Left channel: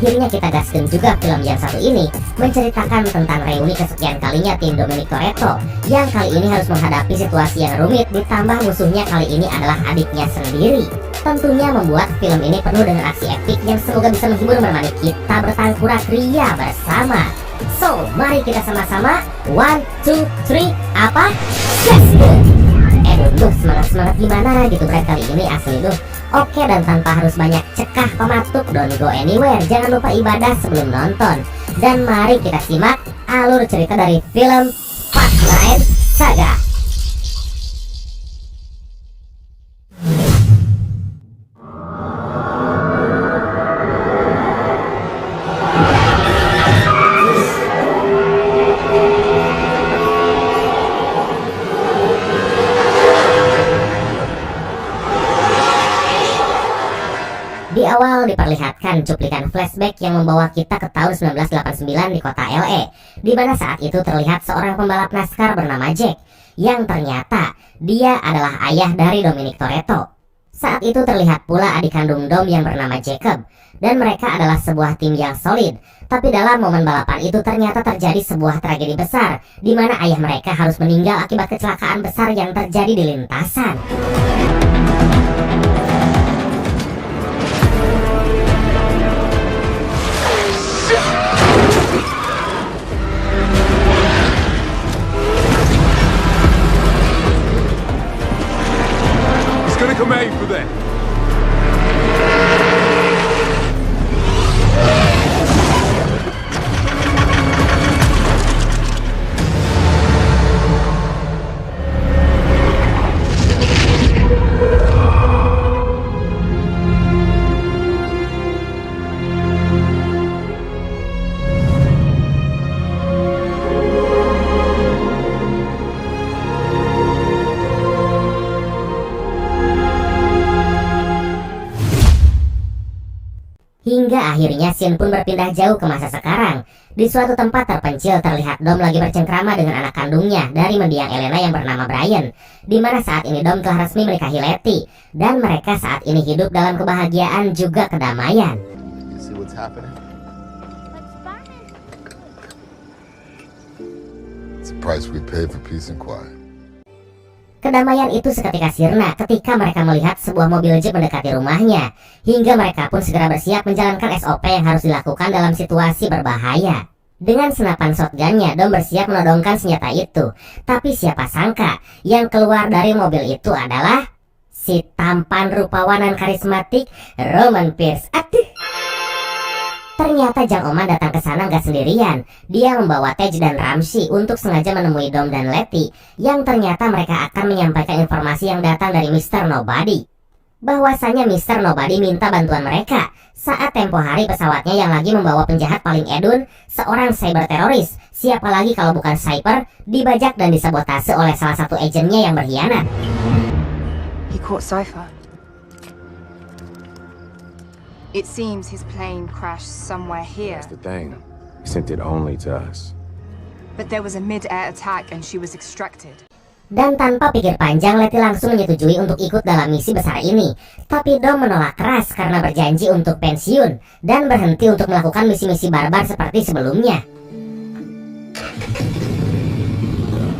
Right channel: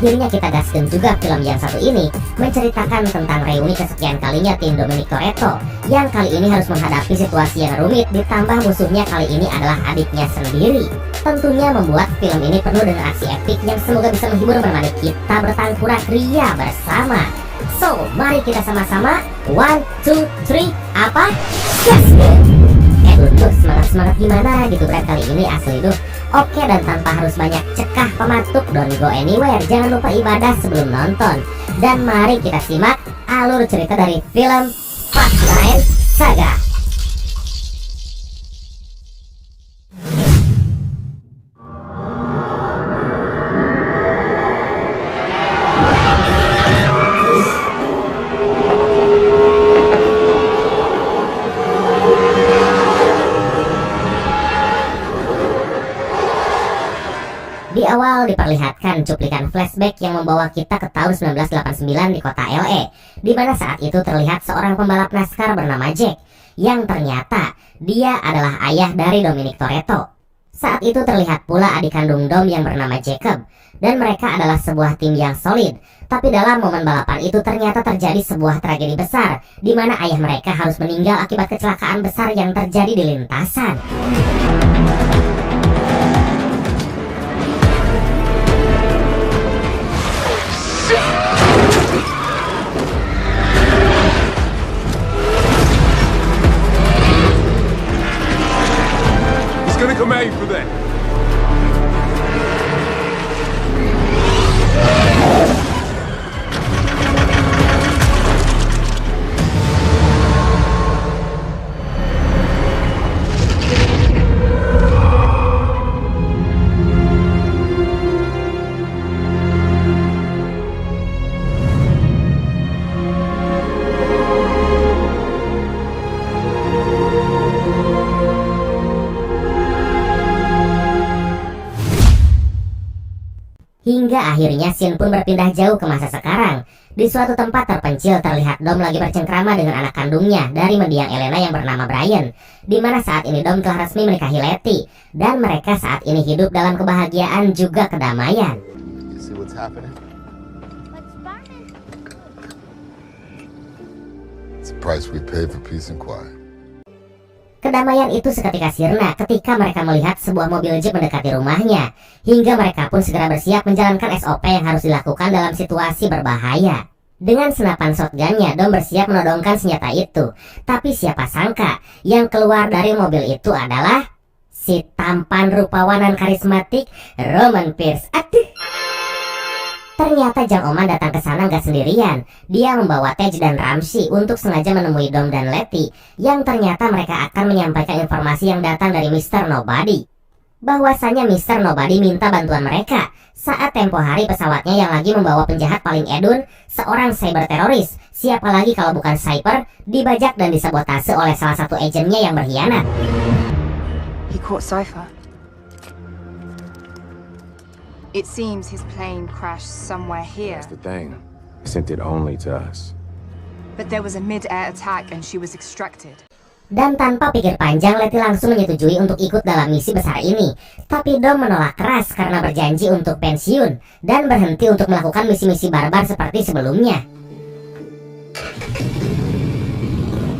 akhirnya kita gaskan juga film yang satu ini, menceritakan tentang reuni kesekian kalinya tim Dominic Toretto yang kali ini harus menghadapi situasi yang rumit, ditambah musuhnya kali ini adalah adiknya sendiri. Tentunya membuat film ini penuh dengan aksi epik yang semoga bisa menghibur menemani kita bertangkurak ria bersama. So, mari kita sama-sama 1, 2, 3, apa? Gaskan! Duh, semangat gimana gitu Brad kali ini asli duh. Oke, dan tanpa harus banyak cekah pematuk, don't go anywhere, jangan lupa ibadah sebelum nonton. Dan mari kita simak alur cerita dari film Fast9 Saga. Di awal diperlihatkan cuplikan flashback yang membawa kita ke tahun 1989 di kota LA, di mana saat itu terlihat seorang pembalap NASCAR bernama Jack, yang ternyata dia adalah ayah dari Dominic Toretto. Saat itu terlihat pula adik kandung Dom yang bernama Jacob, dan mereka adalah sebuah tim yang solid. Tapi dalam momen balapan itu ternyata terjadi sebuah tragedi besar, di mana ayah mereka harus meninggal akibat kecelakaan besar yang terjadi di lintasan. Gonna come at you for that. Hingga akhirnya scene pun berpindah jauh ke masa sekarang. Di suatu tempat terpencil terlihat Dom lagi bercengkrama dengan anak kandungnya dari mendiang Elena yang bernama Brian, di mana saat ini Dom telah resmi menikahi Letty, dan mereka saat ini hidup dalam kebahagiaan juga kedamaian. It's the price we pay for peace and quiet. Kedamaian itu seketika sirna ketika mereka melihat sebuah mobil jeep mendekati rumahnya, hingga mereka pun segera bersiap menjalankan SOP yang harus dilakukan dalam situasi berbahaya. Dengan senapan shotgunnya, Dom bersiap menodongkan senjata itu. Tapi siapa sangka yang keluar dari mobil itu adalah si tampan rupawanan karismatik Roman Pierce. Aduh. Ternyata Jang Oman datang ke sana nggak sendirian. Dia membawa Tej dan Ramsey untuk sengaja menemui Dom dan Letty, yang ternyata mereka akan menyampaikan informasi yang datang dari Mr. Nobody. Bahwasanya Mr. Nobody minta bantuan mereka saat tempo hari pesawatnya yang lagi membawa penjahat paling edun, seorang cyber teroris, siapa lagi kalau bukan Cyper, dibajak dan disabotase oleh salah satu agennya yang berkhianat. He caught Cypher. It seems his plane crashed somewhere here. That's the thing. He sent it only to us. But there was a mid-air attack and she was extracted. Dan tanpa pikir panjang, Letty langsung menyetujui untuk ikut dalam misi besar ini. Tapi Dom menolak keras karena berjanji untuk pensiun dan berhenti untuk melakukan misi-misi barbar seperti sebelumnya.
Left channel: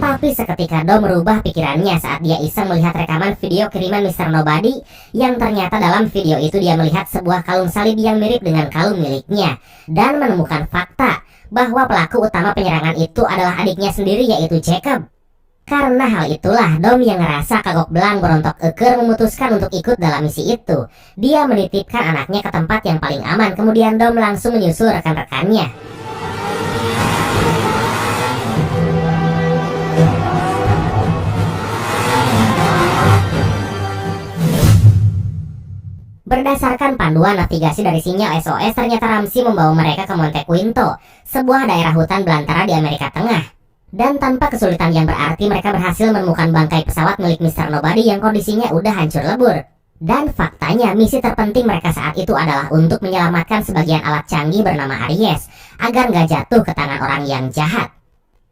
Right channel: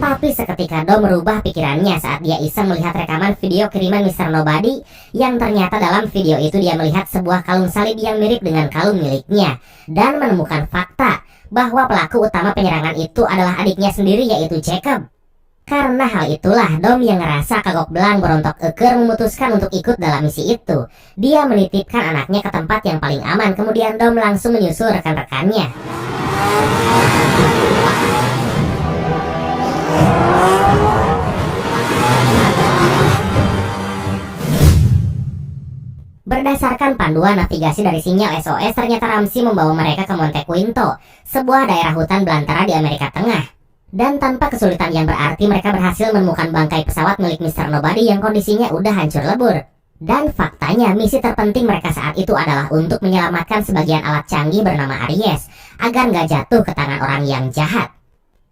Tapi seketika Dom merubah pikirannya saat dia iseng melihat rekaman video kiriman Mr. Nobody, yang ternyata dalam video itu dia melihat sebuah kalung salib yang mirip dengan kalung miliknya, dan menemukan fakta bahwa pelaku utama penyerangan itu adalah adiknya sendiri, yaitu Jacob. Karena hal itulah Dom yang ngerasa kagok belang berontok eker memutuskan untuk ikut dalam misi itu. Dia menitipkan anaknya ke tempat yang paling aman, kemudian Dom langsung menyusul rekan-rekannya. Berdasarkan panduan navigasi dari sinyal SOS, ternyata Ramsey membawa mereka ke Monte Quinto, sebuah daerah hutan belantara di Amerika Tengah. Dan tanpa kesulitan yang berarti mereka berhasil menemukan bangkai pesawat milik Mr. Nobody yang kondisinya udah hancur lebur. Dan faktanya misi terpenting mereka saat itu adalah untuk menyelamatkan sebagian alat canggih bernama Aries, agar nggak jatuh ke tangan orang yang jahat.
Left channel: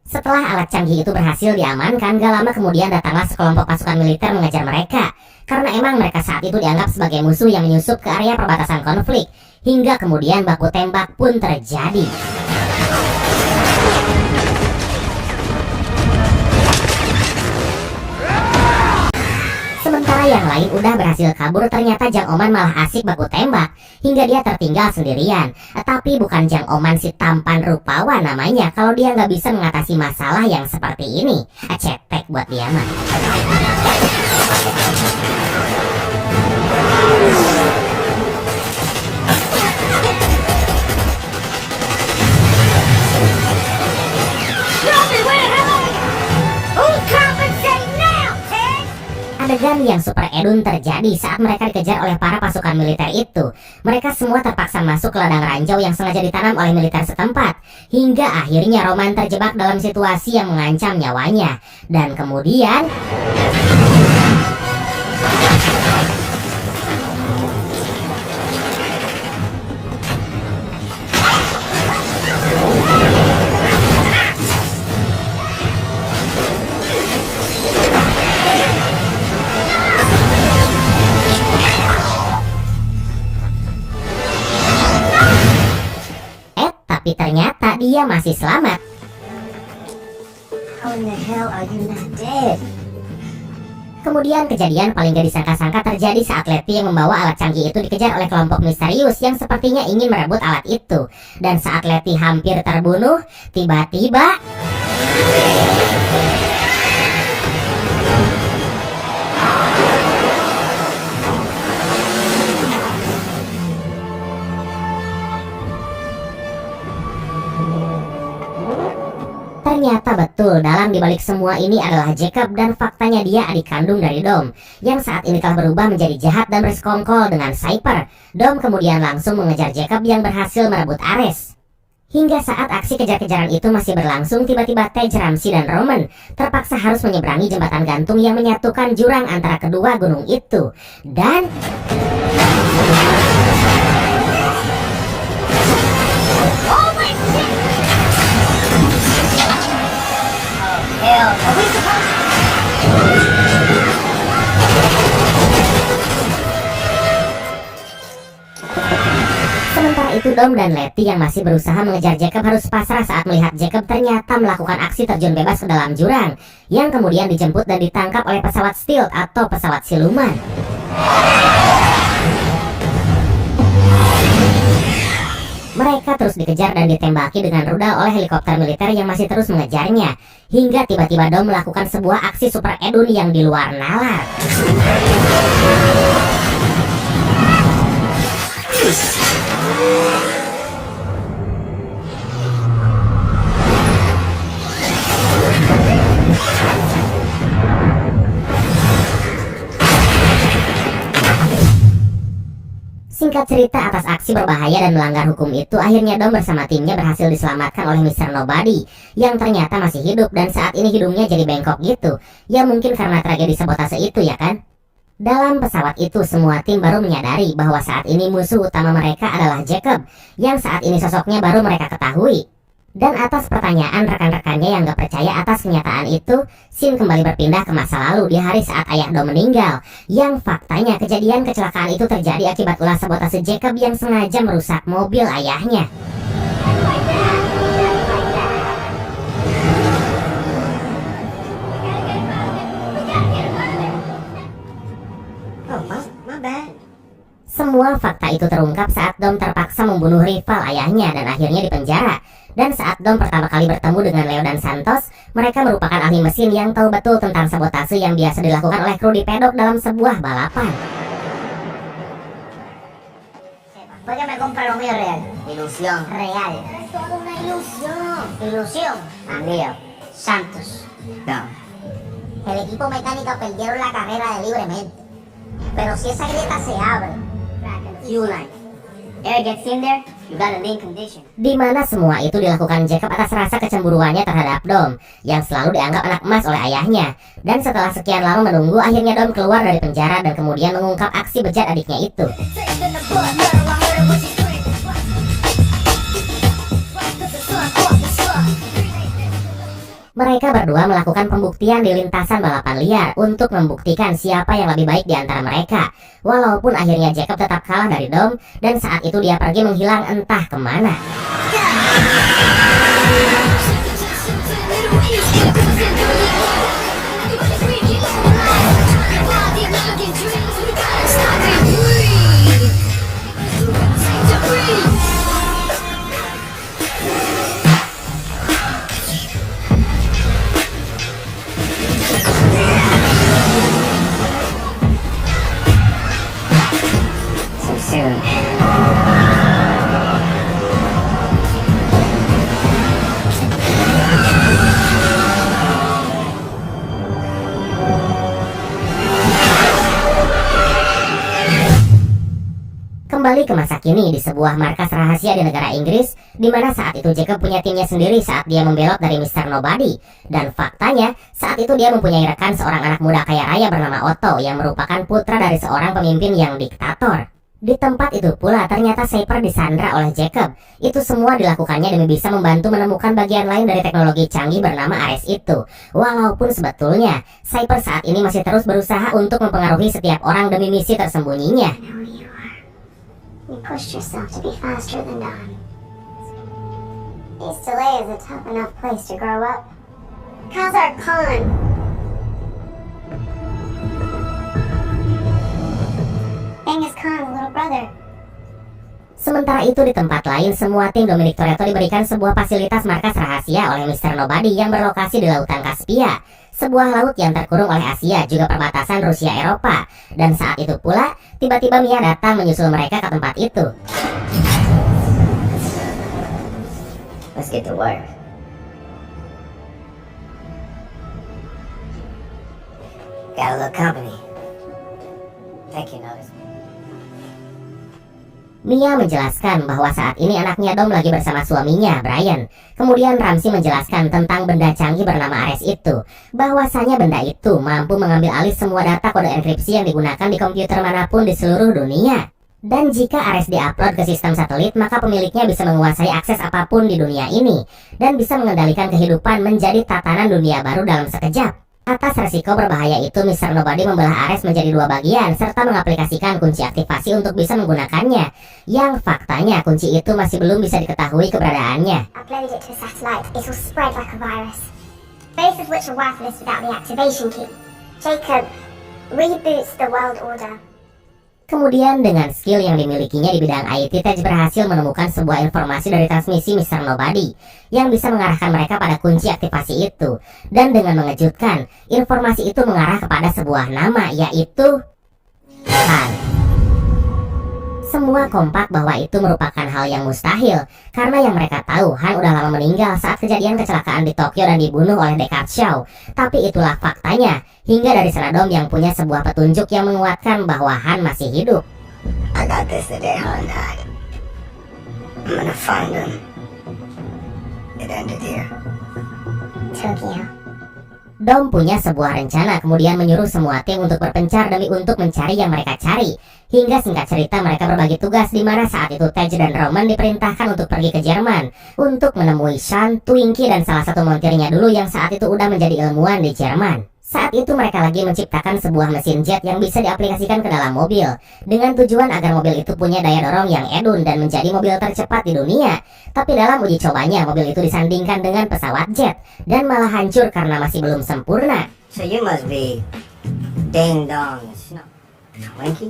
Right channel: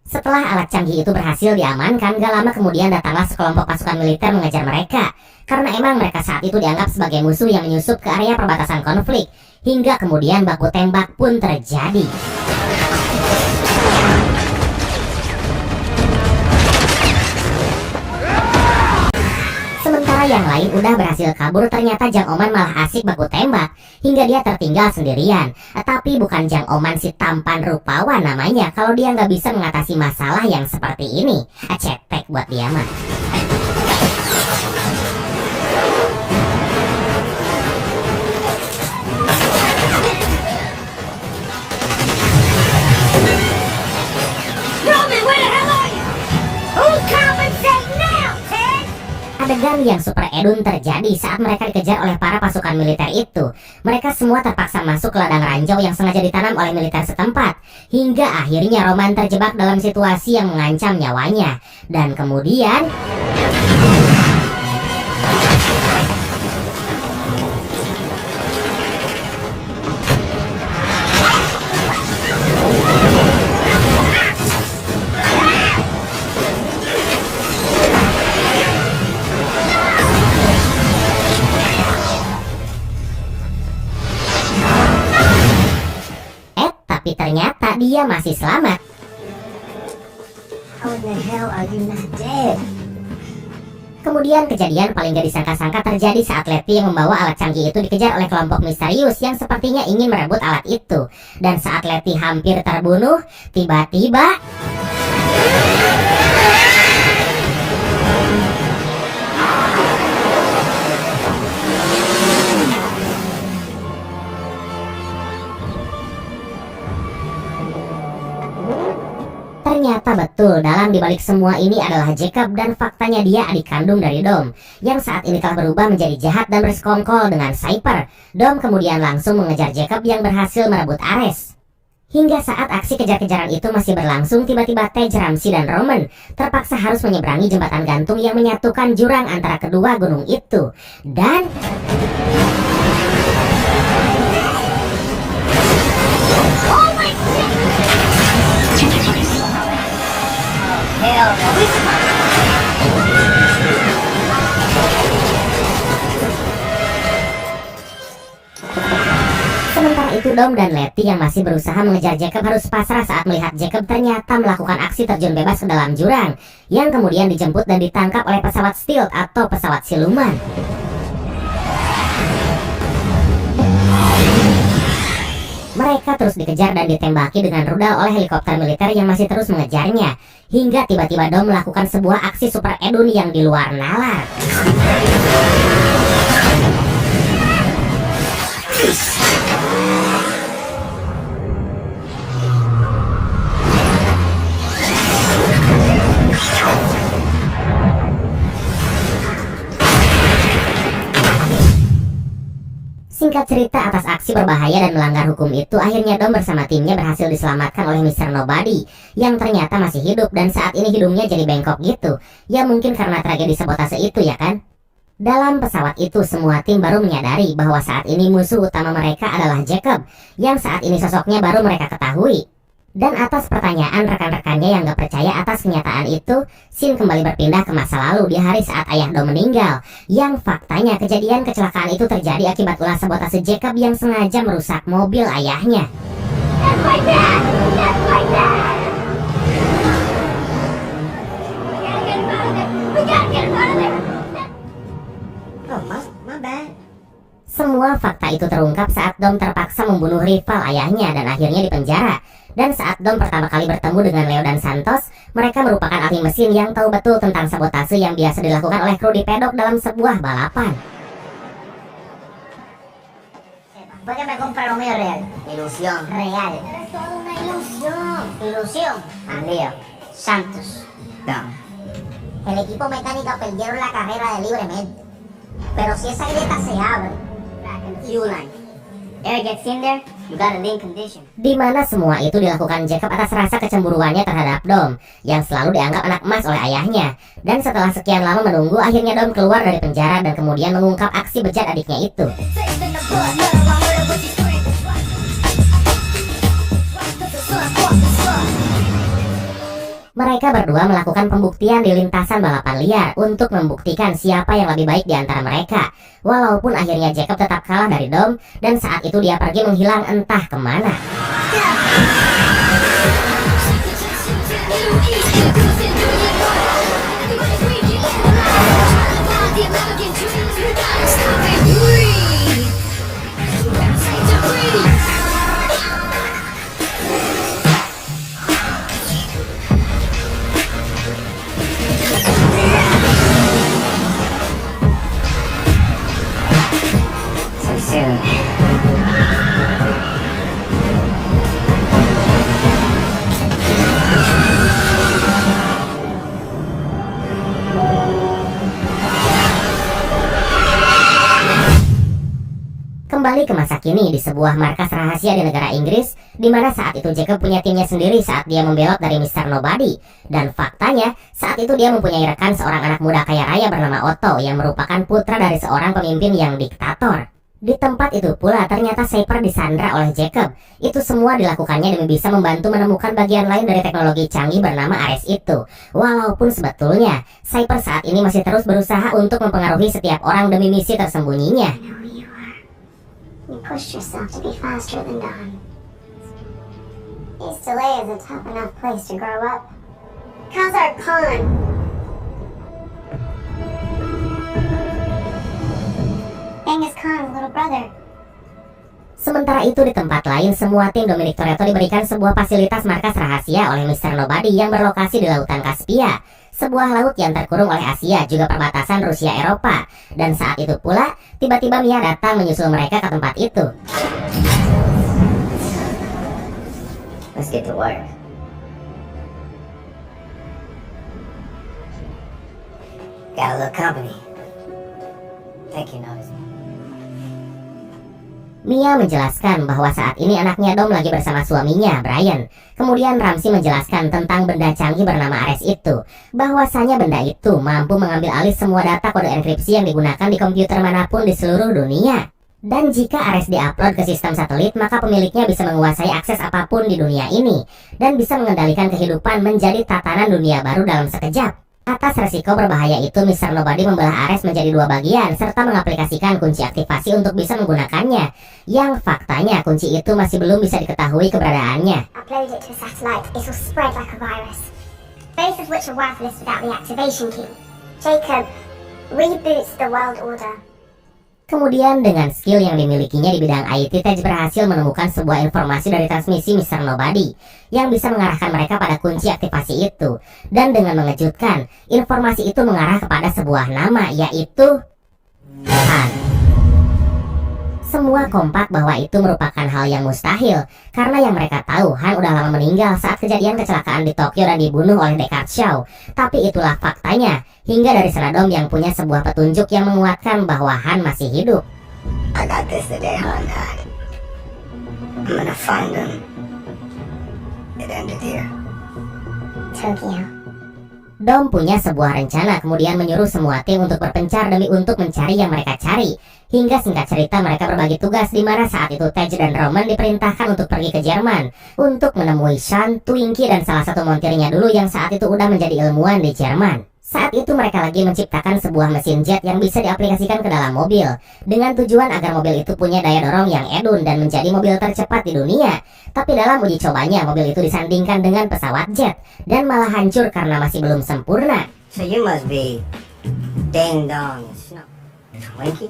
Setelah alat canggih itu berhasil diamankan, gak lama kemudian datanglah sekelompok pasukan militer mengejar mereka. Karena emang mereka saat itu dianggap sebagai musuh yang menyusup ke area perbatasan konflik. Hingga kemudian baku tembak pun terjadi. Sementara yang lain udah berhasil kabur, ternyata Jang Oman malah asik baku tembak hingga dia tertinggal sendirian. Tapi bukan Jang Oman si tampan rupawan namanya kalau dia nggak bisa mengatasi masalah yang seperti ini. Cetek buat dia mah. Adegan yang super edun terjadi saat mereka dikejar oleh para pasukan militer itu. Mereka semua terpaksa masuk ke ladang ranjau yang sengaja ditanam oleh militer setempat. Hingga akhirnya Roman terjebak dalam situasi yang mengancam nyawanya. Dan kemudian tapi ternyata dia masih selamat. How in the hell are you not dead? Kemudian kejadian paling gak disangka-sangka terjadi saat Letty yang membawa alat canggih itu dikejar oleh kelompok misterius yang sepertinya ingin merebut alat itu. Dan saat Letty hampir terbunuh, tiba-tiba ternyata betul dalang dibalik semua ini adalah Jacob, dan faktanya dia adik kandung dari Dom yang saat ini telah berubah menjadi jahat dan bersekongkol dengan Cypher. Dom kemudian langsung mengejar Jacob yang berhasil merebut Ares. Hingga saat aksi kejar-kejaran itu masih berlangsung, tiba-tiba Tej, Ramsey, dan Roman terpaksa harus menyeberangi jembatan gantung yang menyatukan jurang antara kedua gunung itu. Dan sementara itu Dom dan Letty yang masih berusaha mengejar Jacob harus pasrah saat melihat Jacob ternyata melakukan aksi terjun bebas ke dalam jurang, yang kemudian dijemput dan ditangkap oleh pesawat stealth atau pesawat siluman. Mereka terus dikejar dan ditembaki dengan rudal oleh helikopter militer yang masih terus mengejarnya. Hingga tiba-tiba Dom melakukan sebuah aksi super edun yang di luar nalar. Singkat cerita, atas aksi berbahaya dan melanggar hukum itu, akhirnya Dom bersama timnya berhasil diselamatkan oleh Mr. Nobody yang ternyata masih hidup dan saat ini hidungnya jadi bengkok gitu. Ya mungkin karena tragedi sabotase itu ya kan? Dalam pesawat itu semua tim baru menyadari bahwa saat ini musuh utama mereka adalah Jacob yang saat ini sosoknya baru mereka ketahui. Dan atas pertanyaan rekan-rekannya yang gak percaya atas kenyataan itu, scene kembali berpindah ke masa lalu di hari saat ayah Dom meninggal, yang faktanya kejadian kecelakaan itu terjadi akibat ulah sabotase Jacob yang sengaja merusak mobil ayahnya. Oh, my bad. Semua fakta itu terungkap saat Dom terpaksa membunuh rival ayahnya dan akhirnya dipenjara. Dan saat Dom pertama kali bertemu dengan Leo dan Santos, mereka merupakan ahli mesin yang tahu betul tentang sabotase yang biasa dilakukan oleh kru di pedok dalam sebuah balapan. ¿Por qué me compra lo mío real? Ilusión. Real. Es toda una ilusión. Ilusión. Andío. Santos. No. El equipo mecánico perdieron la carrera libremente. Pero si esa grieta se abre, fuel line. Air gets in there, you got a lean condition. Di mana semua itu dilakukan Jacob atas rasa kecemburuannya terhadap Dom yang selalu dianggap anak emas oleh ayahnya. Dan setelah sekian lama menunggu, akhirnya Dom keluar dari penjara dan kemudian mengungkap aksi bejat adiknya itu. Mereka berdua melakukan pembuktian di lintasan balapan liar untuk membuktikan siapa yang lebih baik di antara mereka. Walaupun akhirnya Jacob tetap kalah dari Dom, dan saat itu dia pergi menghilang entah kemana. So soon. Kembali ke masa kini di sebuah markas rahasia di negara Inggris, di mana saat itu Jacob punya timnya sendiri saat dia membelot dari Mr. Nobody. Dan faktanya, saat itu dia mempunyai rekan seorang anak muda kaya raya bernama Otto yang merupakan putra dari seorang pemimpin yang diktator. Di tempat itu pula ternyata Cypher disandra oleh Jacob. Itu semua dilakukannya demi bisa membantu menemukan bagian lain dari teknologi canggih bernama Ares itu. Walaupun sebetulnya Cypher saat ini masih terus berusaha untuk mempengaruhi setiap orang demi misi tersembunyinya. You pushed yourself to be faster than Dawn. East LA is a tough enough place to grow up. Khazar Khan. Genghis Khan's little brother. Sementara itu di tempat lain, semua tim Dominic Toretto diberikan sebuah fasilitas markas rahasia oleh Mr. Nobody yang berlokasi di Lautan Kaspia, sebuah laut yang terkurung oleh Asia, juga perbatasan Rusia-Eropa. Dan saat itu pula, tiba-tiba Mia datang menyusul mereka ke tempat itu. Let's get to work. Got a little company. Take you notice. Mia menjelaskan bahwa saat ini anaknya Dom lagi bersama suaminya, Brian. Kemudian Ramsey menjelaskan tentang benda canggih bernama Ares itu. Bahwasanya benda itu mampu mengambil alih semua data kode enkripsi yang digunakan di komputer manapun di seluruh dunia. Dan jika Ares diupload ke sistem satelit, maka pemiliknya bisa menguasai akses apapun di dunia ini. Dan bisa mengendalikan kehidupan menjadi tatanan dunia baru dalam sekejap. Atas resiko berbahaya itu, Mr. Nobody membelah Ares menjadi dua bagian serta mengaplikasikan kunci aktivasi untuk bisa menggunakannya. Yang faktanya kunci itu masih belum bisa diketahui keberadaannya. Upload it to a satellite, it'll spread like a virus. Both of which are worthless without the activation key. Jacob reboots the world order. Kemudian dengan skill yang dimilikinya di bidang IT, Tej berhasil menemukan sebuah informasi dari transmisi Mr. Nobody yang bisa mengarahkan mereka pada kunci aktivasi itu. Dan dengan mengejutkan, informasi itu mengarah kepada sebuah nama, yaitu Han. Semua kompak bahwa itu merupakan hal yang mustahil, karena yang mereka tahu Han udah lama meninggal saat kejadian kecelakaan di Tokyo dan dibunuh oleh Deckard Shaw. Tapi itulah faktanya, hingga dari sana Dom yang punya sebuah petunjuk yang menguatkan bahwa Han masih hidup. I got this the day Han died. I'm gonna find him. It ended here. Tokyo. Dom punya sebuah rencana, kemudian menyuruh semua tim untuk berpencar demi untuk mencari yang mereka cari. Hingga singkat cerita mereka berbagi tugas di mana saat itu Tej dan Roman diperintahkan untuk pergi ke Jerman untuk menemui Sean, Twinkie, dan salah satu montirnya dulu yang saat itu udah menjadi ilmuwan di Jerman. Saat itu mereka lagi menciptakan sebuah mesin jet yang bisa diaplikasikan ke dalam mobil dengan tujuan agar mobil itu punya daya dorong yang edun dan menjadi mobil tercepat di dunia. Tapi dalam uji cobanya mobil itu disandingkan dengan pesawat jet dan malah hancur karena masih belum sempurna. So you must be Ding Dong Snow. Twinkie?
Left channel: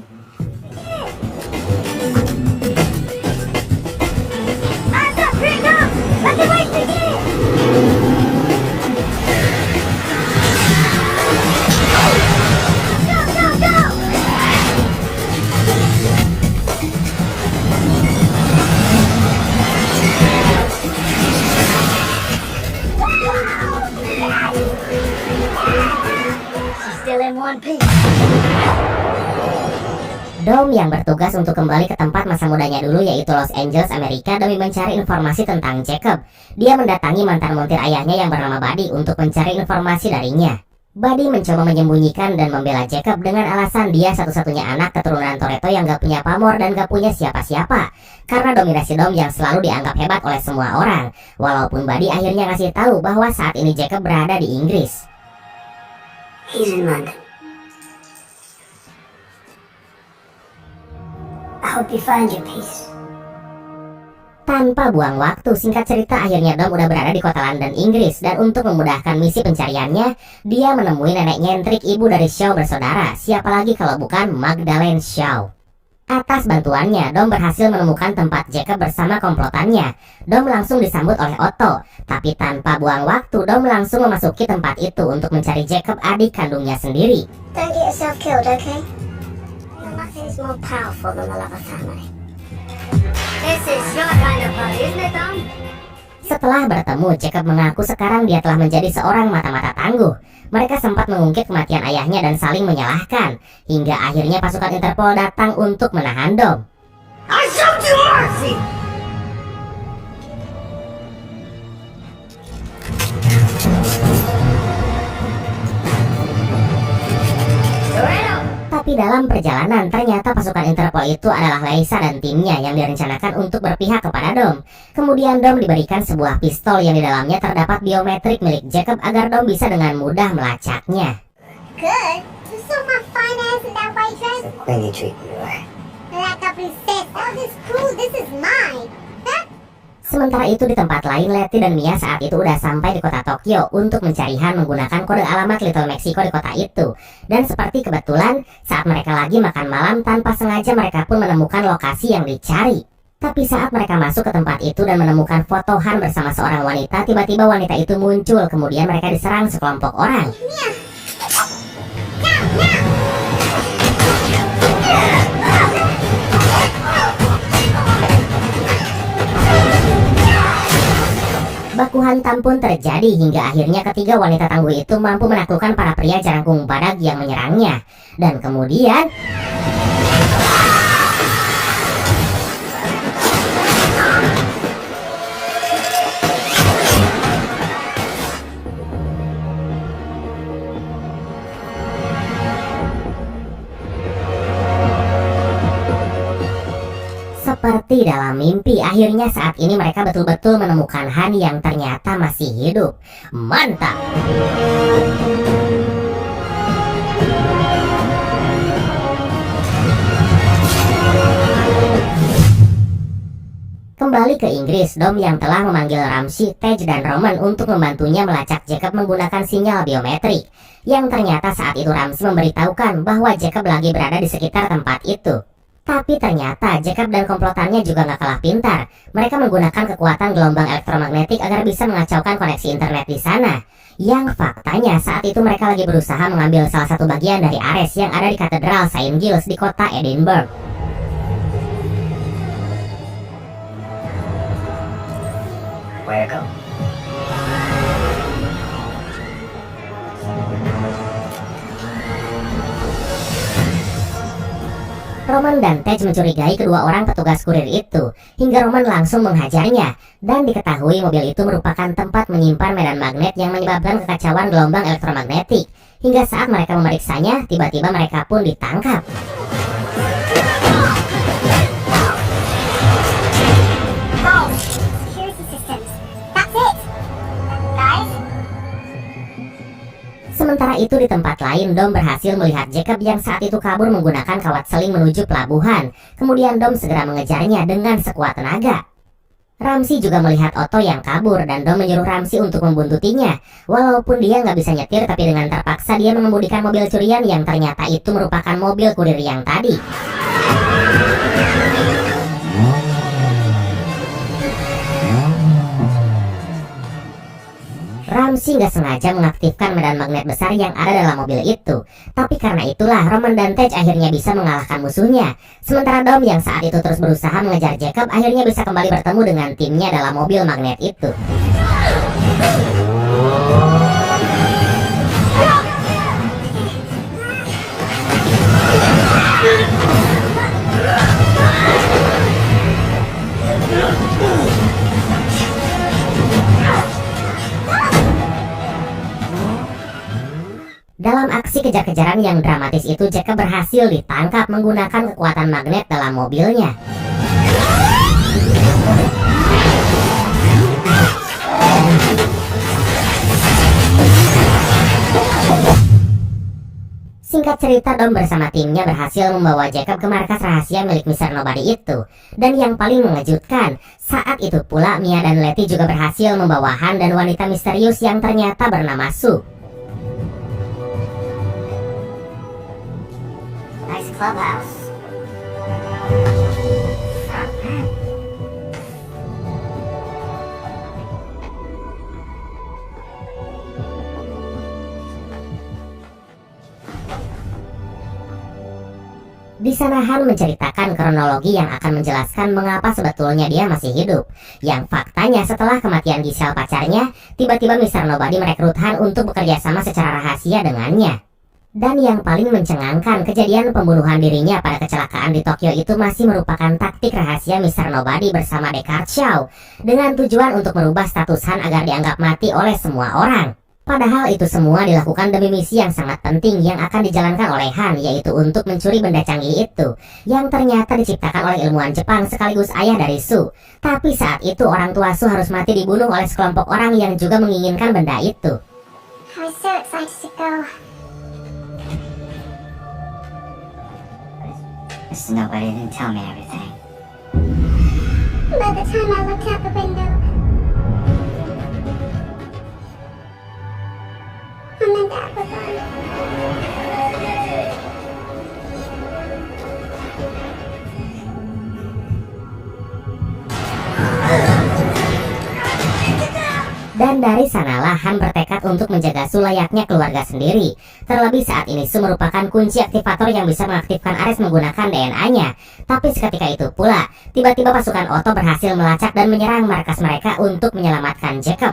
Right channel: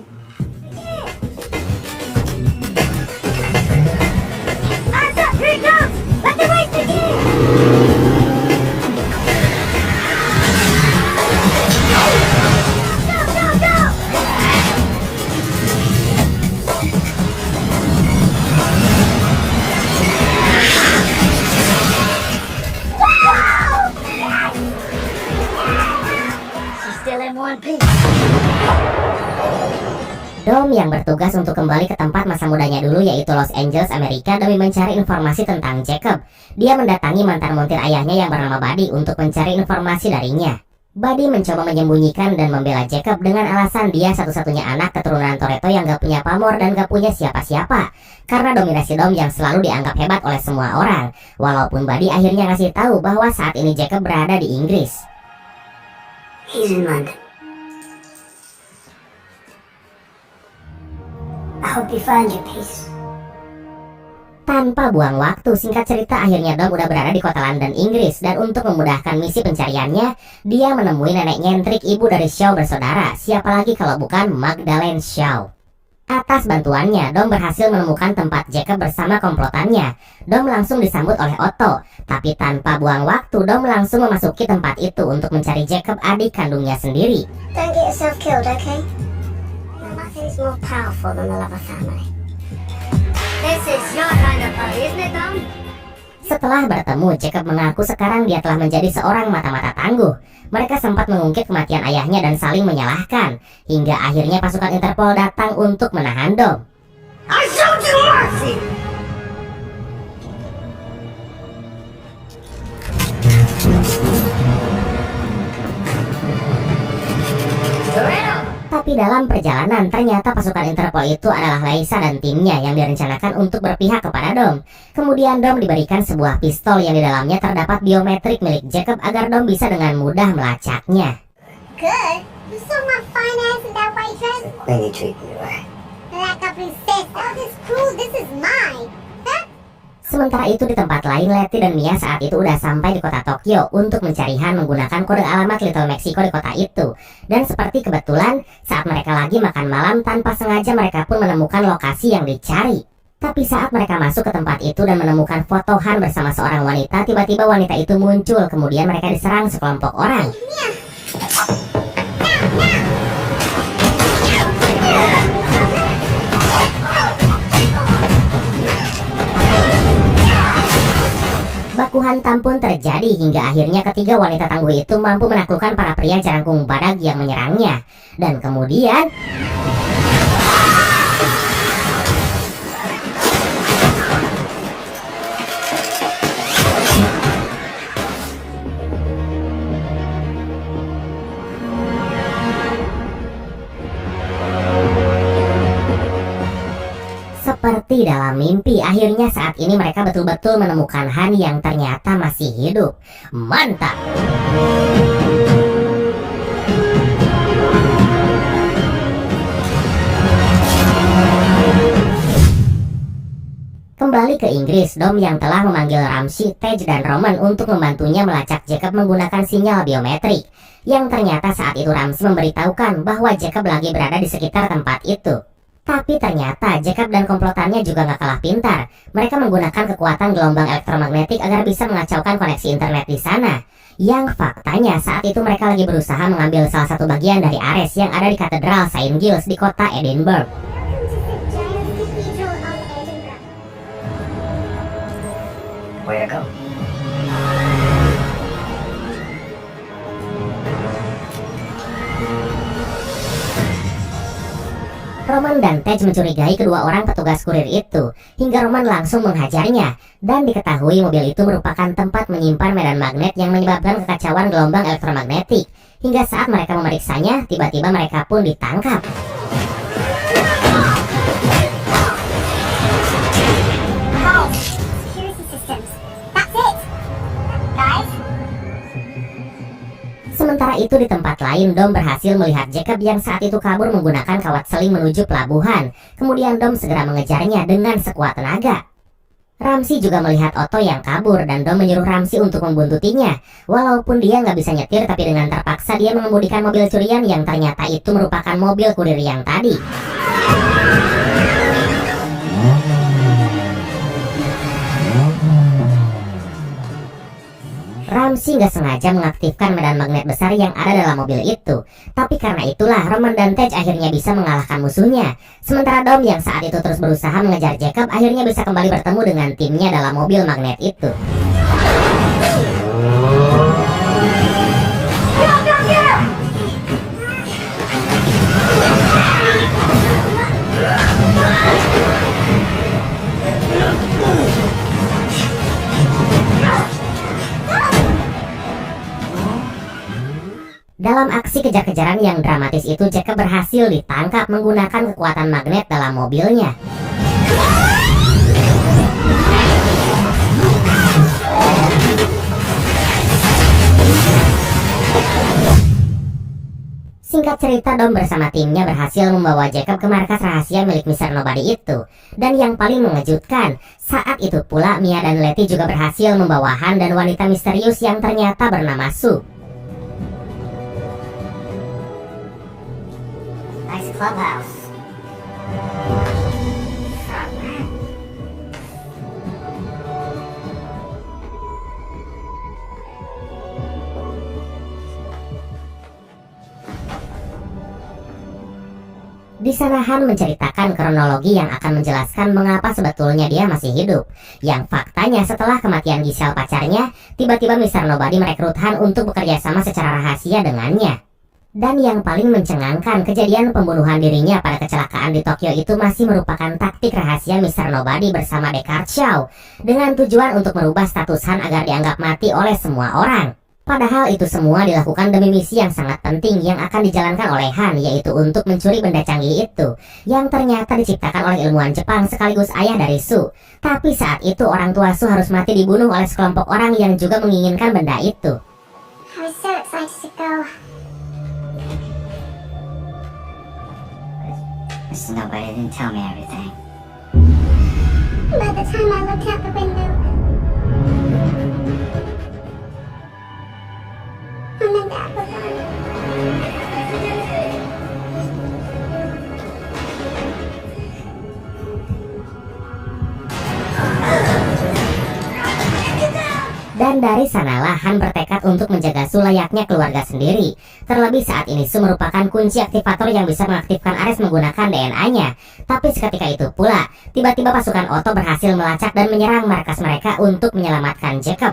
Still in one piece. Dom yang bertugas untuk kembali ke tempat masa mudanya dulu, yaitu Los Angeles, Amerika, demi mencari informasi tentang Jacob. Dia mendatangi mantan montir ayahnya yang bernama Buddy untuk mencari informasi darinya. Buddy mencoba menyembunyikan dan membela Jacob dengan alasan dia satu-satunya anak keturunan Toretto yang gak punya pamor dan gak punya siapa-siapa, karena dominasi Dom yang selalu dianggap hebat oleh semua orang. Walaupun Buddy akhirnya ngasih tahu bahwa saat ini Jacob berada di Inggris. He's in London. I hope you find your peace. Tanpa buang waktu, singkat cerita akhirnya Dom udah berada di kota London, Inggris, dan untuk memudahkan misi pencariannya, dia menemui nenek nyentrik ibu dari Shaw bersaudara, siapa lagi kalau bukan Magdalene Shaw. Atas bantuannya, Dom berhasil menemukan tempat Jacob bersama komplotannya. Dom langsung disambut oleh Otto, tapi tanpa buang waktu, Dom langsung memasuki tempat itu untuk mencari Jacob, adik kandungnya sendiri. Don't get yourself killed, okay? Nothing is more powerful than the love of family. This is your kind of party, isn't it, Dom? Setelah bertemu, Jacob mengaku sekarang dia telah menjadi seorang mata-mata tangguh. Mereka sempat mengungkit kematian ayahnya dan saling menyalahkan, hingga akhirnya pasukan Interpol datang untuk menahan Dom. I showed you mercy! Tapi dalam perjalanan, ternyata pasukan Interpol itu adalah Leisa dan timnya yang direncanakan untuk berpihak kepada Dom. Kemudian Dom diberikan sebuah pistol yang di dalamnya terdapat biometrik milik Jacob agar Dom bisa dengan mudah melacaknya. Good. You saw my fine ass in that white dress? The Queenie treat me right. Like a princess. Oh, this cool. This is mine. Huh? Sementara itu di tempat lain, Letty dan Mia saat itu udah sampai di kota Tokyo untuk mencari Han menggunakan kode alamat Little Mexico di kota itu. Dan seperti kebetulan, saat mereka lagi makan malam, tanpa sengaja mereka pun menemukan lokasi yang dicari. Tapi saat mereka masuk ke tempat itu dan menemukan foto Han bersama seorang wanita, tiba-tiba wanita itu muncul, kemudian mereka diserang sekelompok orang. Baku hantam pun terjadi hingga akhirnya ketiga wanita tangguh itu mampu menaklukkan para pria jarangkung badak yang menyerangnya. Dan kemudian seperti dalam mimpi, akhirnya saat ini mereka betul-betul menemukan Han yang ternyata masih hidup. Mantap! Kembali ke Inggris, Dom yang telah memanggil Ramsey, Tej, dan Roman untuk membantunya melacak Jacob menggunakan sinyal biometrik. Yang ternyata saat itu Ramsey memberitahukan bahwa Jacob lagi berada di sekitar tempat itu. Tapi ternyata Jacob dan komplotannya juga gak kalah pintar. Mereka menggunakan kekuatan gelombang elektromagnetik agar bisa mengacaukan koneksi internet di sana. Yang faktanya saat itu mereka lagi berusaha mengambil salah satu bagian dari Ares yang ada di Katedral St. Giles di kota Edinburgh. Where to go? Roman dan Tej mencurigai kedua orang petugas kurir itu, hingga Roman langsung menghajarnya, dan diketahui mobil itu merupakan tempat menyimpan medan magnet yang menyebabkan kekacauan gelombang elektromagnetik. Hingga saat mereka memeriksanya, tiba-tiba mereka pun ditangkap. Security systems. That's it. Guys? Sementara itu di tempat lain, Dom berhasil melihat Jacob yang saat itu kabur menggunakan kawat seling menuju pelabuhan. Kemudian Dom segera mengejarnya dengan sekuat tenaga. Ramsey juga melihat Otto yang kabur dan Dom menyuruh Ramsey untuk membuntutinya. Walaupun dia nggak bisa nyetir, tapi dengan terpaksa dia mengemudikan mobil curian yang ternyata itu merupakan mobil kurir yang tadi. Ramsey nggak sengaja mengaktifkan medan magnet besar yang ada dalam mobil itu. Tapi karena itulah Roman dan Tej akhirnya bisa mengalahkan musuhnya. Sementara Dom yang saat itu terus berusaha mengejar Jacob akhirnya bisa kembali bertemu dengan timnya dalam mobil magnet itu. Dalam aksi kejar-kejaran yang dramatis itu, Jacob berhasil ditangkap menggunakan kekuatan magnet dalam mobilnya. Singkat cerita, Dom bersama timnya berhasil membawa Jacob ke markas rahasia milik Mr. Nobody itu. Dan yang paling mengejutkan, saat itu pula Mia dan Letty juga berhasil membawa Han dan wanita misterius yang ternyata bernama Sue. Nice clubhouse. Di sana Han menceritakan kronologi yang akan menjelaskan mengapa sebetulnya dia masih hidup. Yang faktanya setelah kematian Giselle pacarnya, tiba-tiba Mr. Nobody merekrut Han untuk bekerja sama secara rahasia dengannya. Dan yang paling mencengangkan, kejadian pembunuhan dirinya pada kecelakaan di Tokyo itu masih merupakan taktik rahasia Mr. Nobody bersama Deckard Shaw, dengan tujuan untuk merubah status Han agar dianggap mati oleh semua orang. Padahal itu semua dilakukan demi misi yang sangat penting yang akan dijalankan oleh Han, yaitu untuk mencuri benda canggih itu, yang ternyata diciptakan oleh ilmuwan Jepang sekaligus ayah dari Sue. Tapi saat itu orang tua Sue harus mati dibunuh oleh sekelompok orang yang juga menginginkan benda itu. I was so excited to go. Mr. Nobody didn't tell me everything. By the time I looked out the window, Mom and Dad were gone. Dan dari sanalah Han bertekad untuk menjaga Sue layaknya keluarga sendiri. Terlebih saat ini Sue merupakan kunci aktivator yang bisa mengaktifkan Ares menggunakan DNA-nya. Tapi seketika itu pula, tiba-tiba pasukan Otto berhasil melacak dan menyerang markas mereka untuk menyelamatkan Jacob.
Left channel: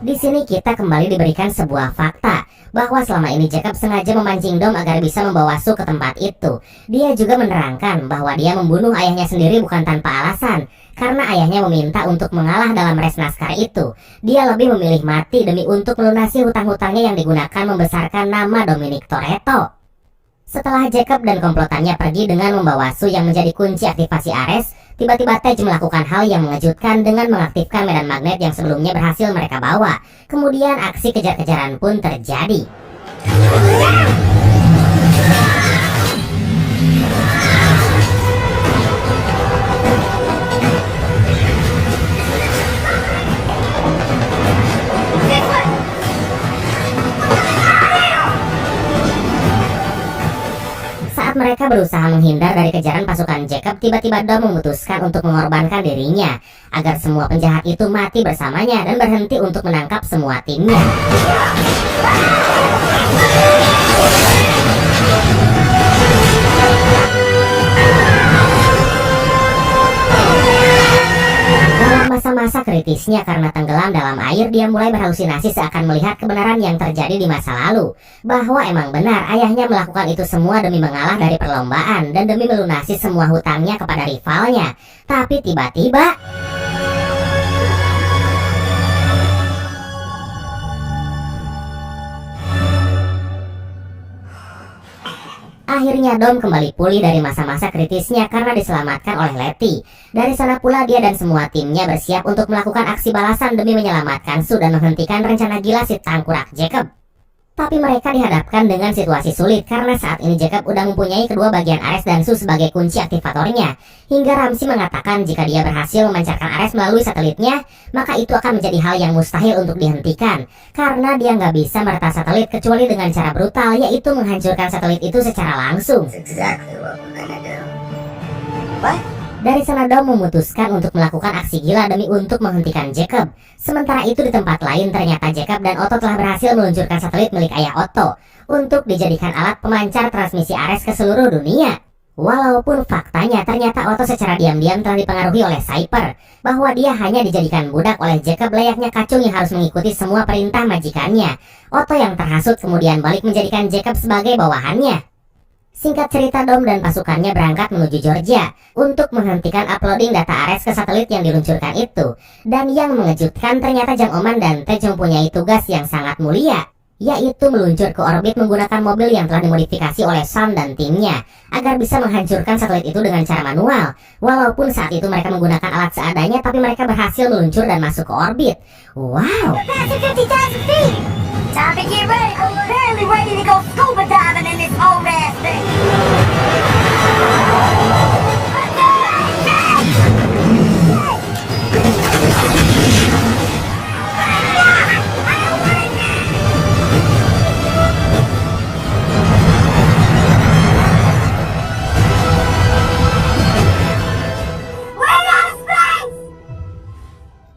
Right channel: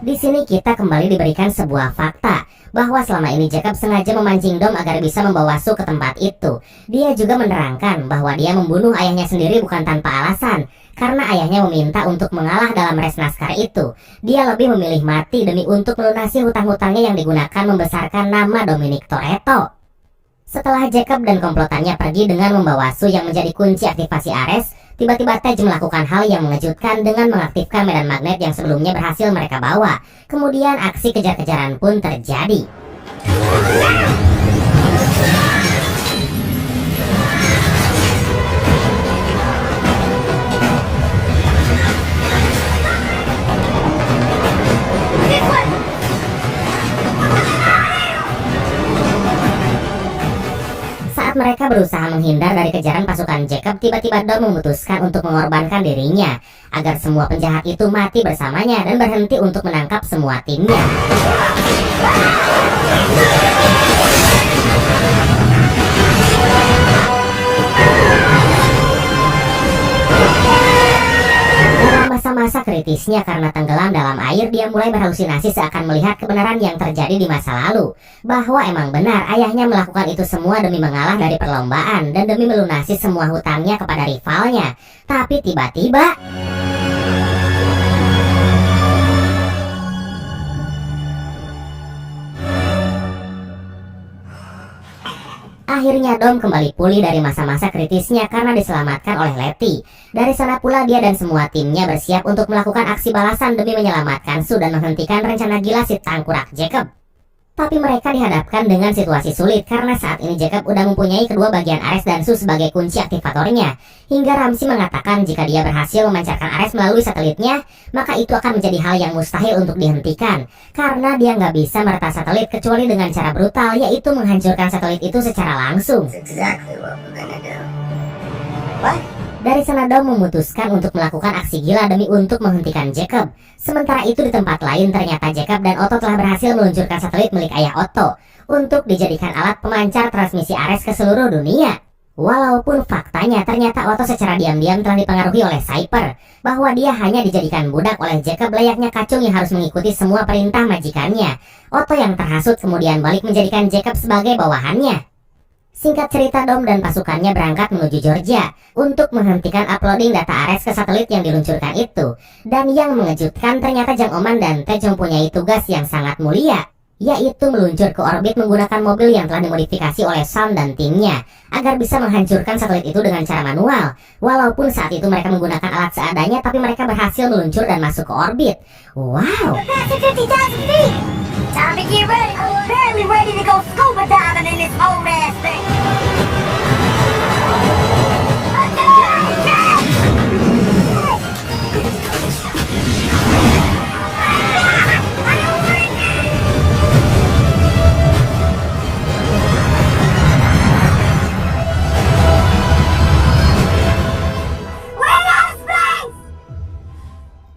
Di sini kita kembali diberikan sebuah fakta bahwa selama ini Jacob sengaja memancing Dom agar bisa membawa Sue ke tempat itu. Dia juga menerangkan bahwa dia membunuh ayahnya sendiri bukan tanpa alasan, karena ayahnya meminta untuk mengalah dalam res naskah itu. Dia lebih memilih mati demi untuk melunasi hutang-hutangnya yang digunakan membesarkan nama Dominic Toretto. Setelah Jacob dan komplotannya pergi dengan membawa Sue yang menjadi kunci aktivasi Ares, tiba-tiba Tej melakukan hal yang mengejutkan dengan mengaktifkan medan magnet yang sebelumnya berhasil mereka bawa. Kemudian aksi kejar-kejaran pun terjadi. Saat mereka berusaha menghindar dari kejaran pasukan Jacob, tiba-tiba Dom memutuskan untuk mengorbankan dirinya agar semua penjahat itu mati bersamanya dan berhenti untuk menangkap semua timnya. Dalam masa-masa kritisnya karena tenggelam dalam air, dia mulai berhalusinasi seakan melihat kebenaran yang terjadi di masa lalu. Bahwa emang benar ayahnya melakukan itu semua demi mengalah dari perlombaan dan demi melunasi semua hutangnya kepada rivalnya. Tapi tiba-tiba akhirnya Dom kembali pulih dari masa-masa kritisnya karena diselamatkan oleh Letty. Dari sana pula dia dan semua timnya bersiap untuk melakukan aksi balasan demi menyelamatkan Sue dan menghentikan rencana gila si tangkurak Jacob. Tapi mereka dihadapkan dengan situasi sulit karena saat ini Jacob udah mempunyai kedua bagian Ares dan Sue sebagai kunci aktivatornya. Hingga Ramsey mengatakan jika dia berhasil memancarkan Ares melalui satelitnya, maka itu akan menjadi hal yang mustahil untuk dihentikan. Karena dia nggak bisa meretas satelit kecuali dengan cara brutal, yaitu menghancurkan satelit itu secara langsung. That's exactly what we're gonna do. What? Dari sana Dom memutuskan untuk melakukan aksi gila demi untuk menghentikan Jacob. Sementara itu di tempat lain ternyata Jacob dan Otto telah berhasil meluncurkan satelit milik ayah Otto untuk dijadikan alat pemancar transmisi Ares ke seluruh dunia. Walaupun faktanya ternyata Otto secara diam-diam telah dipengaruhi oleh Cyper, bahwa dia hanya dijadikan budak oleh Jacob layaknya kacung yang harus mengikuti semua perintah majikannya. Otto yang terhasut kemudian balik menjadikan Jacob sebagai bawahannya. Singkat cerita, Dom dan pasukannya berangkat menuju Georgia untuk menghentikan uploading data Ares ke satelit yang diluncurkan itu. Dan yang mengejutkan, ternyata Jang Oman dan Tej mempunyai tugas yang sangat mulia, yaitu meluncur ke orbit menggunakan mobil yang telah dimodifikasi oleh Sam dan timnya agar bisa menghancurkan satelit itu dengan cara manual. Walaupun saat itu mereka menggunakan alat seadanya, tapi mereka berhasil meluncur dan masuk ke orbit. Wow! Time to get ready. I'm barely ready to go scuba diving in this old ass thing.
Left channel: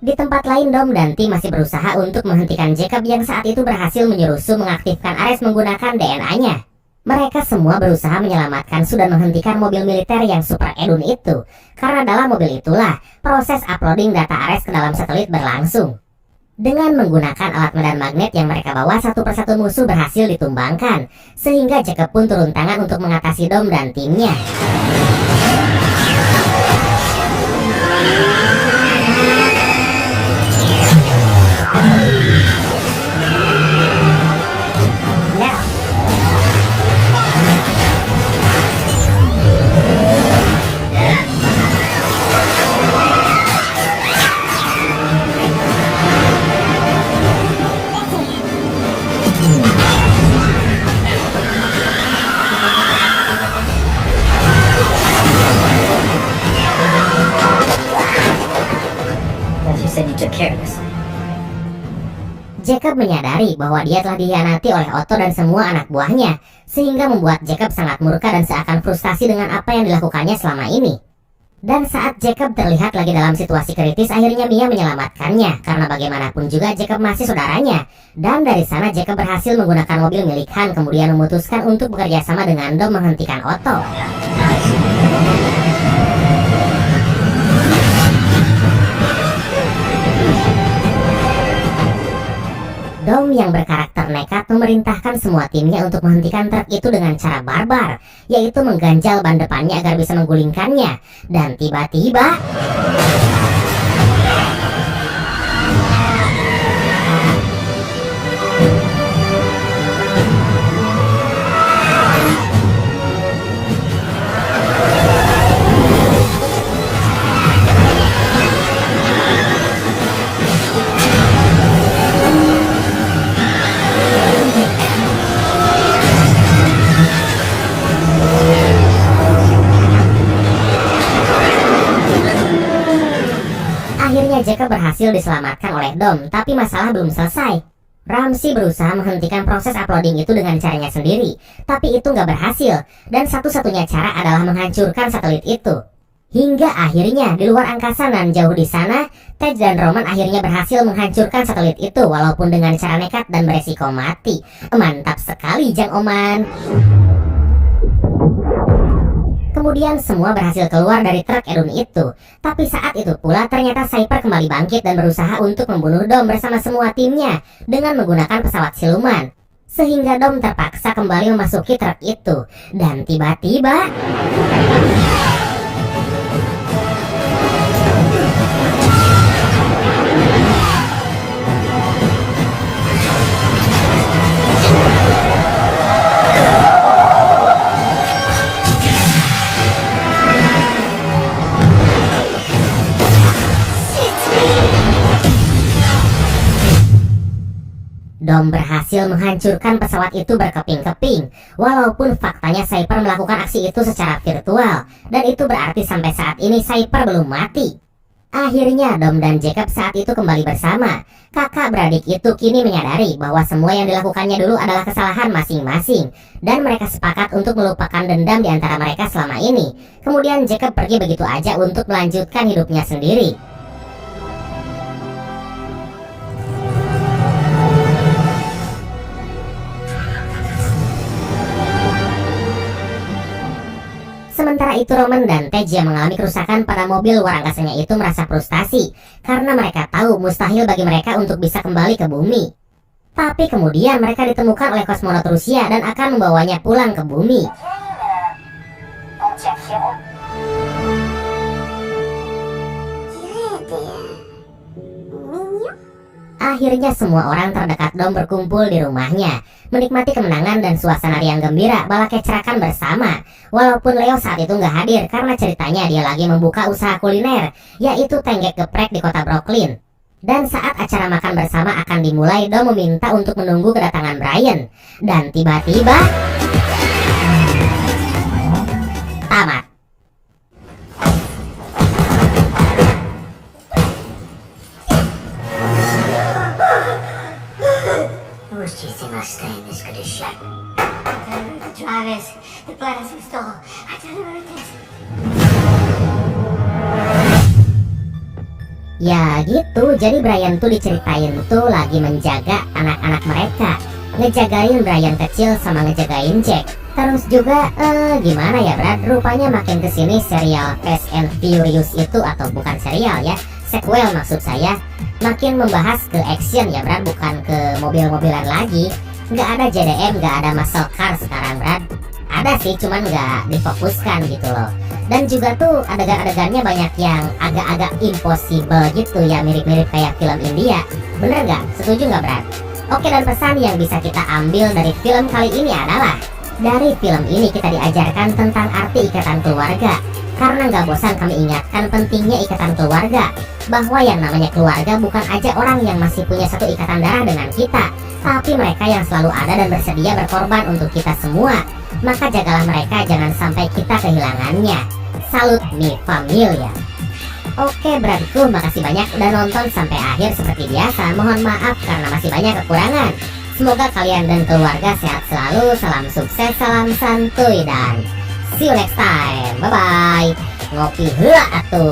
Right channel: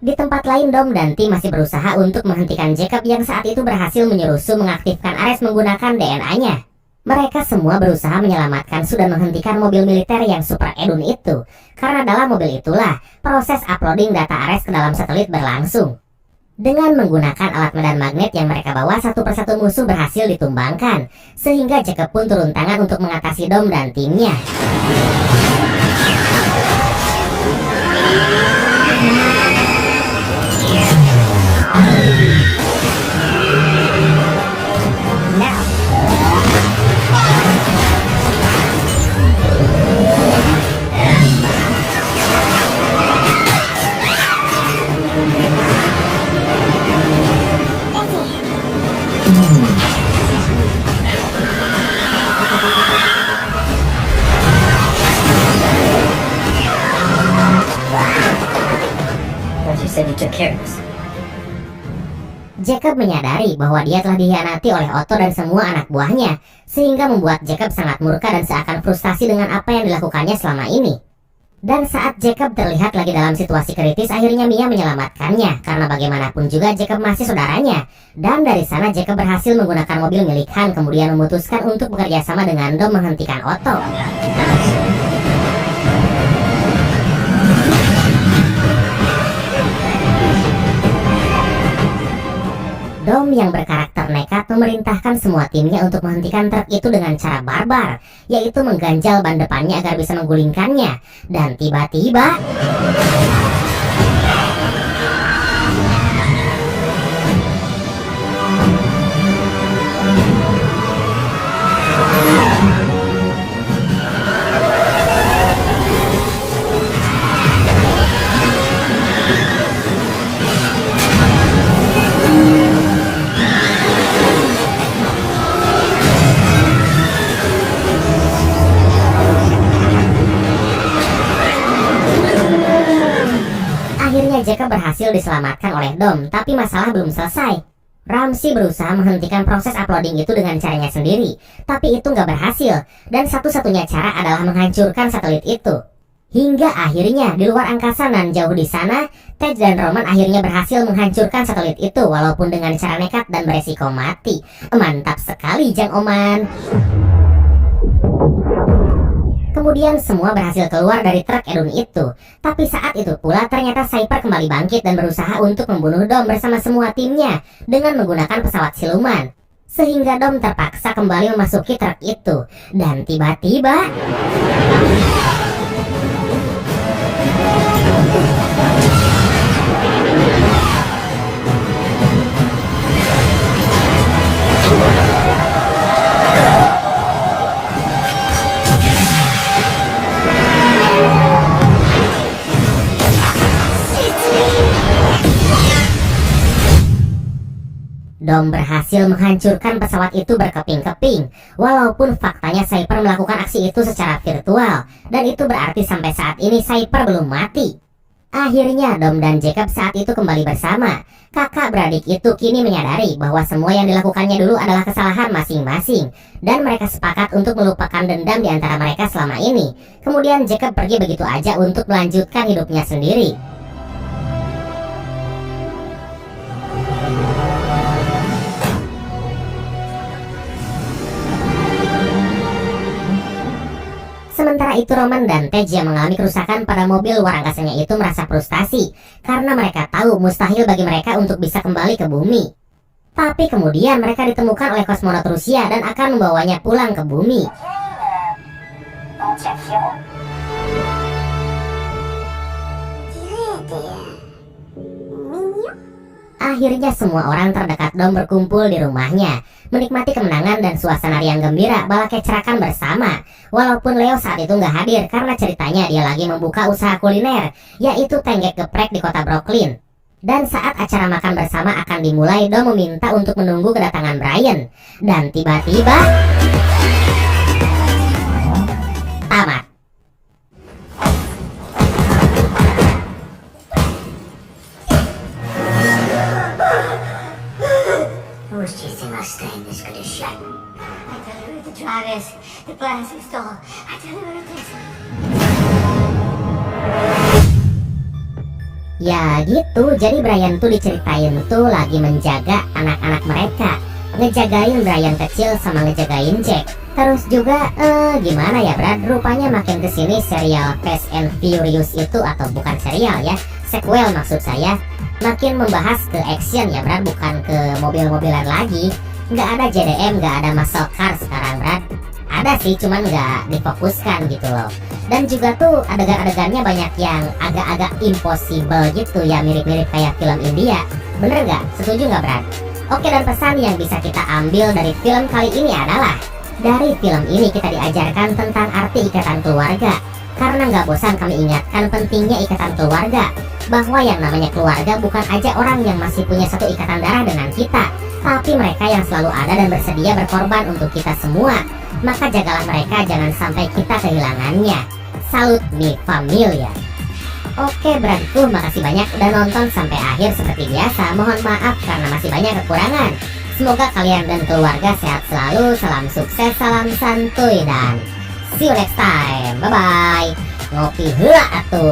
Di tempat lain, Dom dan tim masih berusaha untuk menghentikan Jacob yang saat itu berhasil menyuruh mengaktifkan Ares menggunakan DNA-nya. Mereka semua berusaha menyelamatkan Su dan menghentikan mobil militer yang super edun itu, karena dalam mobil itulah proses uploading data Ares ke dalam satelit berlangsung. Dengan menggunakan alat medan magnet yang mereka bawa, satu persatu musuh berhasil ditumbangkan, sehingga Jacob pun turun tangan untuk mengatasi Dom dan timnya. You said you took care of this. Jacob menyadari bahwa dia telah dikhianati oleh Otto dan semua anak buahnya, sehingga membuat Jacob sangat murka dan seakan frustasi dengan apa yang dilakukannya selama ini. Dan saat Jacob terlihat lagi dalam situasi kritis, akhirnya Mia menyelamatkannya, karena bagaimanapun juga Jacob masih saudaranya. Dan dari sana Jacob berhasil menggunakan mobil milik Han, kemudian memutuskan untuk bekerja sama dengan Dom menghentikan Otto. Dom yang berkarakter nekat memerintahkan semua timnya untuk menghentikan truk itu dengan cara barbar, yaitu mengganjal ban depannya agar bisa menggulingkannya. Dan tiba-tiba Jacob berhasil diselamatkan oleh Dom, tapi masalah belum selesai. Ramsey berusaha menghentikan proses uploading itu dengan caranya sendiri, tapi itu nggak berhasil, dan satu-satunya cara adalah menghancurkan satelit itu. Hingga akhirnya di luar angkasa nan jauh di sana, Tej dan Roman akhirnya berhasil menghancurkan satelit itu walaupun dengan cara nekat dan beresiko mati. Mantap sekali Jang Oman. Kemudian semua berhasil keluar dari truk edun itu. Tapi saat itu pula ternyata Cyper kembali bangkit dan berusaha untuk membunuh Dom bersama semua timnya dengan menggunakan pesawat siluman. Sehingga Dom terpaksa kembali memasuki truk itu. Dan tiba-tiba Dom berhasil menghancurkan pesawat itu berkeping-keping. Walaupun faktanya Cyper melakukan aksi itu secara virtual, dan itu berarti sampai saat ini Cyper belum mati. Akhirnya Dom dan Jacob saat itu kembali bersama. Kakak beradik itu kini menyadari bahwa semua yang dilakukannya dulu adalah kesalahan masing-masing, dan mereka sepakat untuk melupakan dendam di antara mereka selama ini. Kemudian Jacob pergi begitu aja untuk melanjutkan hidupnya sendiri. Sementara itu Roman dan Tej yang mengalami kerusakan pada mobil luar angkasanya itu merasa frustasi karena mereka tahu mustahil bagi mereka untuk bisa kembali ke bumi. Tapi kemudian mereka ditemukan oleh kosmonot Rusia dan akan membawanya pulang ke bumi. Akhirnya semua orang terdekat Dom berkumpul di rumahnya, menikmati kemenangan dan suasana riang gembira bala kecerakan bersama. Walaupun Leo saat itu nggak hadir karena ceritanya dia lagi membuka usaha kuliner, yaitu tenggek geprek di kota Brooklyn. Dan saat acara makan bersama akan dimulai, Dom meminta untuk menunggu kedatangan Brian. Dan tiba-tiba tamat. Ya gitu, jadi Brian tuh diceritain tuh lagi menjaga anak-anak mereka, ngejagain Brian kecil sama ngejagain Jack. Terus juga gimana ya Brad, rupanya makin kesini serial Fast and Furious itu, atau bukan serial ya, sequel maksud saya, makin membahas ke action ya Brad, bukan ke mobil-mobilan lagi. Nggak ada JDM, nggak ada muscle car sekarang Brad. Ada sih, cuman nggak difokuskan gitu loh. Dan juga tuh adegan-adegannya banyak yang agak-agak impossible gitu ya, mirip-mirip kayak film India. Bener nggak? Setuju nggak Brad? Oke, dan pesan yang bisa kita ambil dari film kali ini adalah, dari film ini kita diajarkan tentang arti ikatan keluarga. Karena nggak bosan kami ingatkan pentingnya ikatan keluarga, bahwa yang namanya keluarga bukan aja orang yang masih punya satu ikatan darah dengan kita, tapi mereka yang selalu ada dan bersedia berkorban untuk kita semua. Maka jagalah mereka, jangan sampai kita kehilangannya. Salut mi familia. Oke Bradku, makasih banyak udah nonton sampai akhir. Seperti biasa, mohon maaf karena masih banyak kekurangan. Semoga kalian dan keluarga sehat selalu. Salam sukses, salam santuy, dan see you next time. Bye bye. Ngopi heula atuh.